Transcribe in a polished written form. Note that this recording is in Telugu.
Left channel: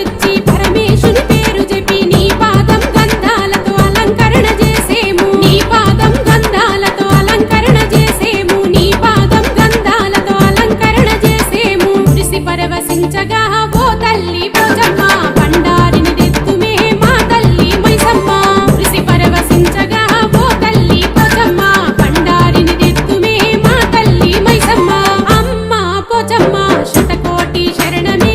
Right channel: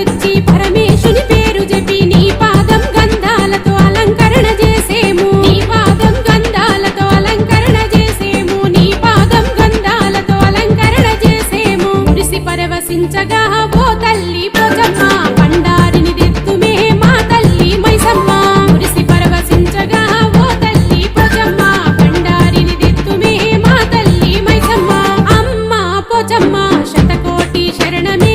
తెచ్చి పరమేశుని పేరు చెప్పి నీ పాదం గంధాలతో అలంకరణ చేసేము నీ పాదం గంధాలతో అలంకరణ చేసేము నీ పాదం గంధాలతో అలంకరణ చేసేము మురిసి పరవశించగా ఓ తల్లి పోచమ్మ బండారిని తెత్తుమే మా తల్లి మైసమ్మ మురిసి పరవశించగా ఓ తల్లి పోచమ్మ బండారిని తెత్తుమే మా తల్లి మైసమ్మ అమ్మ పోచమ్మ శతకోటి శరణమే